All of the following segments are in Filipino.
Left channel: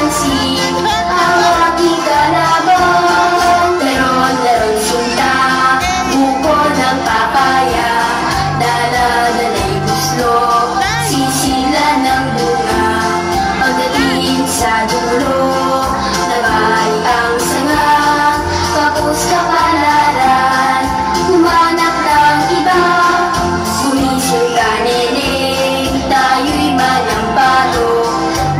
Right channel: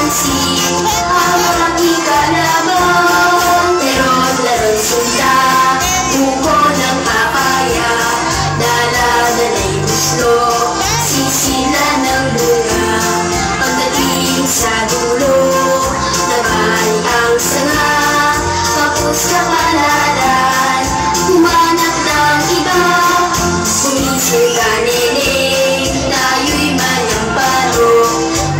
pansin ang aking kalaban. Meron sinta, buko ng papaya, dala-dala'y gusto, sisila ng bunga. Pagdating sa dulo, nabali ang sanga, tapos kapalaran, humanap ng iba. Gumising ka, nene, tayo'y mayampano,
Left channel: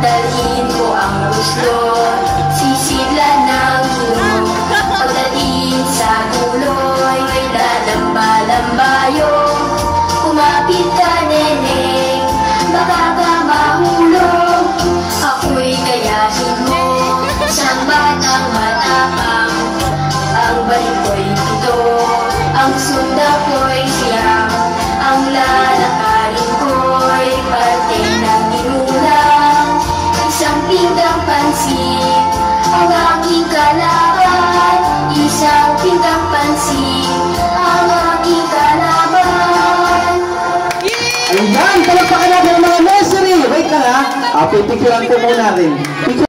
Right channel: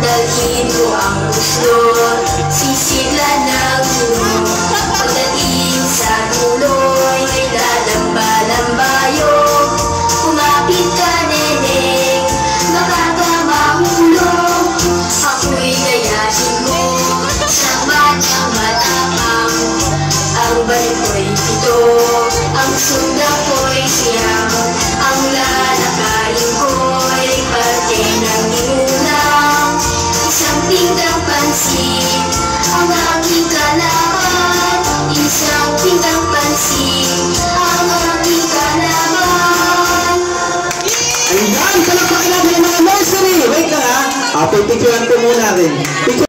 dalhin mo ang uslon, sisila ng dulo. Pagdating sa dulo'y lalamba-lambayo, kumapit ka, nene, baka ka mahulog. Ako'y gayahin mo, siyang batang matapang, ang balik ko'y pito, ang sunda ko'y siyam, ang lalakarin ko'y parte ng inulang. Isang pinggang pansin ang aking kalaban, isang pinggang pansin ang aking kalaban. Ayan, palagpakan natin ang mga nursery. Wait lang ha. Pipicturean ko muna rin.